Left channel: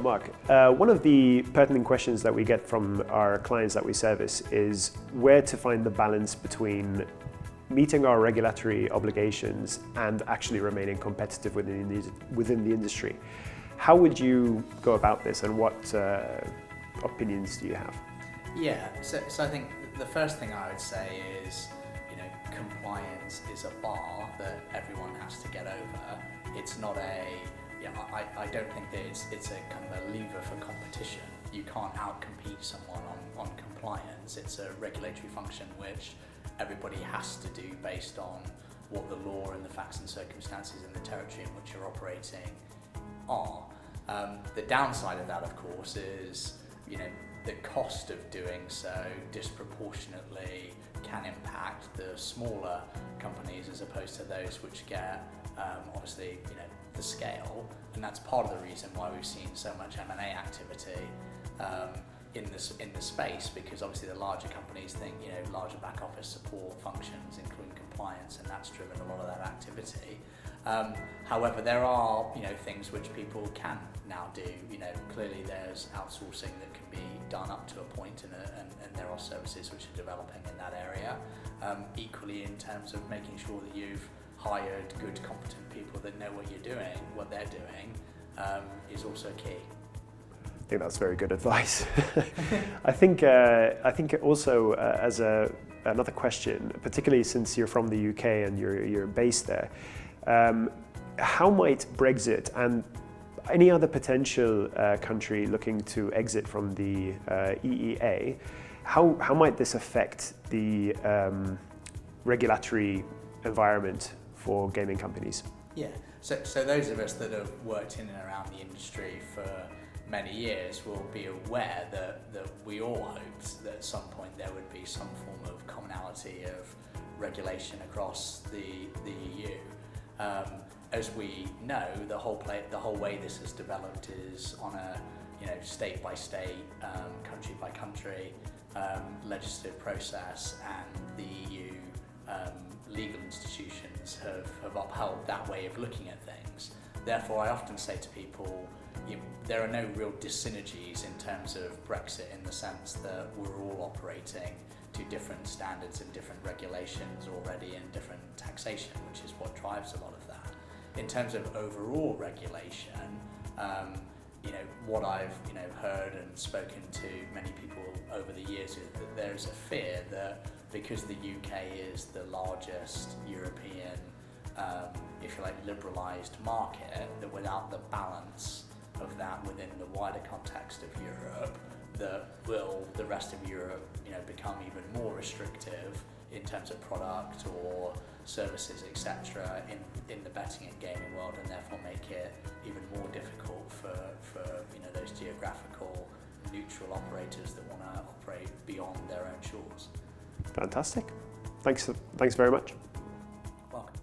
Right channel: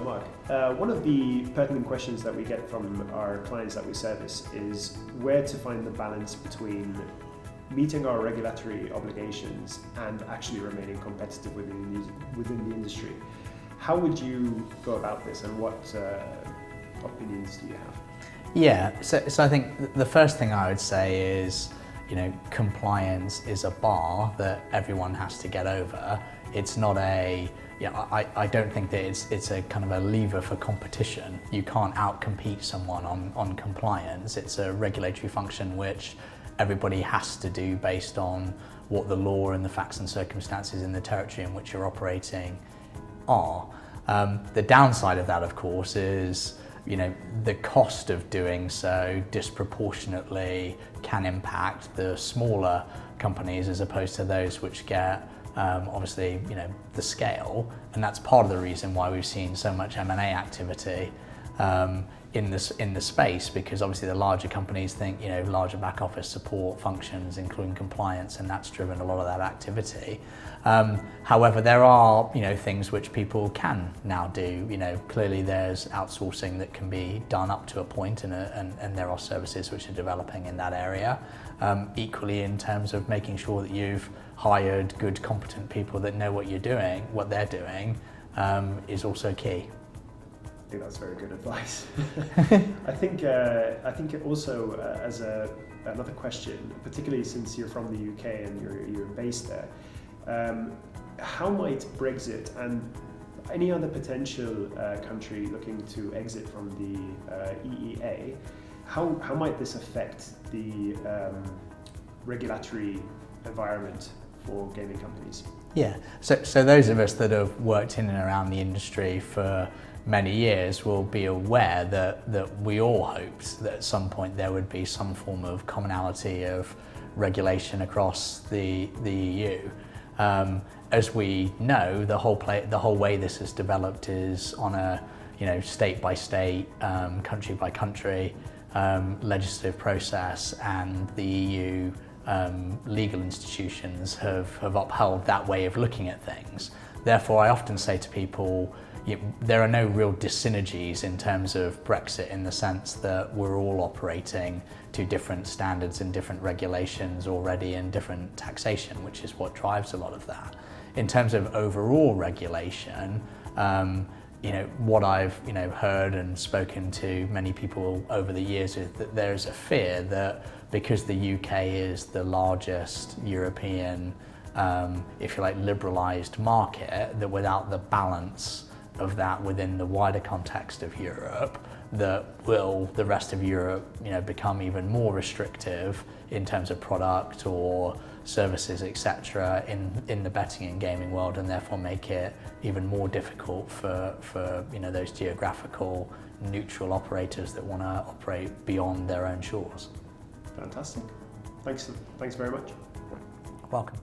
So Mark, one of the pertinent questions that we get from our clients that we service is where to find the balance between meeting our regulatory obligations and actually remaining competitive within the industry. How would you go about this, and what opinions do you have? Yeah, so I think the first thing I would say is, compliance is a bar that everyone has to get over. It's not I don't think that it's a kind of a lever for competition. You can't outcompete someone on compliance. It's a regulatory function which everybody has to do based on what the law and the facts and circumstances in the territory in which you're operating are. The downside of that, of course, is the cost of doing so disproportionately can impact the smaller companies as opposed to those which get obviously the scale, and that's part of the reason why we've seen so much M&A activity in the space, because obviously the larger companies think larger back office support functions including compliance, and that's driven a lot of that activity. However, there are things which people can now do. Clearly there's outsourcing that can be done up to a point, and there are services which are developing in that area. Equally, in terms of making sure that you've hired good, competent people that know what they're doing, is also key. I think that's very good advice. I think also as another question, particularly since you're from the UK and you're based there, how might Brexit and any other potential country looking to exit from the EEA, how might this affect the regulatory environment for gaming companies? Yeah, so those of us that have worked in and around the industry for many years will be aware that we all hoped that at some point there would be some form of commonality of regulation across the EU. As we know, the whole way this has developed is on a state by state, country by country legislative process, and the EU legal institutions have upheld that way of looking at things. Therefore, I often say to people, there are no real dyssynergies in terms of Brexit, in the sense that we're all operating to different standards and different regulations already, and different taxation, which is what drives a lot of that. In terms of overall regulation, what I've heard and spoken to many people over the years is that there's a fear that because the UK is the largest European, if you like, liberalised market, that without the balance of that within the wider context of Europe, that the rest of Europe become even more restrictive in terms of product or services, etc., in the betting and gaming world, and therefore make it even more difficult for those geographical neutral operators that want to operate beyond their own shores. Fantastic. Thanks very much. Welcome.